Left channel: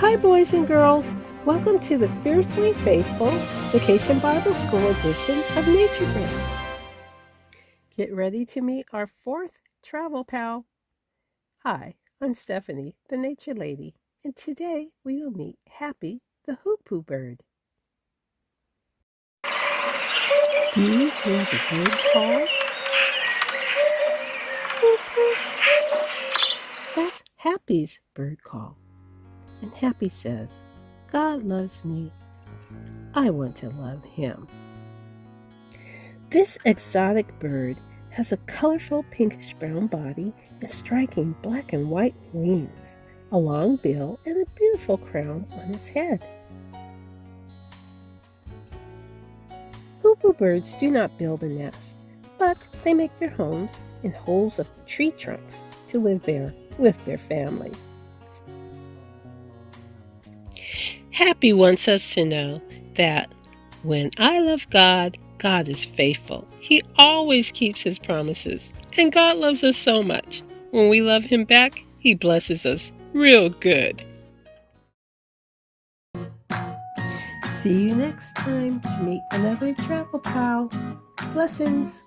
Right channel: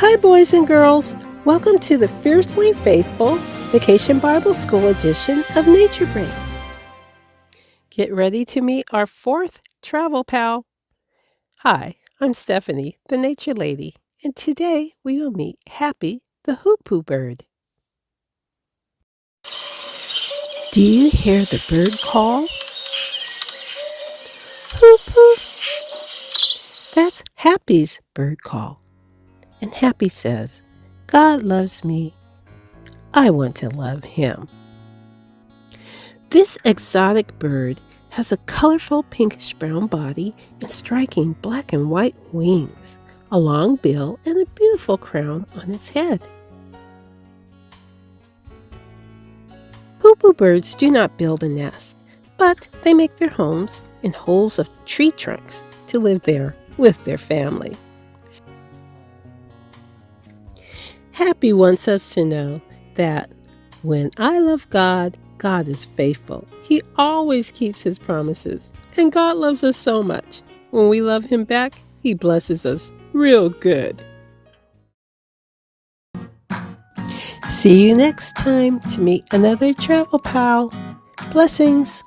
Hi, boys and girls. Welcome to the Fiercely Faithful Vacation Bible School edition of Nature Break. Get ready to meet our fourth travel pal. Hi, I'm Stephanie, the Nature Lady, and today we will meet Happy, the Hoopoe Bird. Do you hear the bird call? Hoopoe! That's Happy's bird call. And Happy says, God loves me. I want to love him. This exotic bird has a colorful pinkish-brown body and striking black and white wings, a long bill, and a beautiful crown on its head. Hoopoe birds do not build a nest, but they make their homes in holes of tree trunks to live there with their family. Happy wants us to know that when I love God, God is faithful. He always keeps his promises. And God loves us so much. When we love him back, he blesses us real good. See you next time to meet another travel pal. Blessings.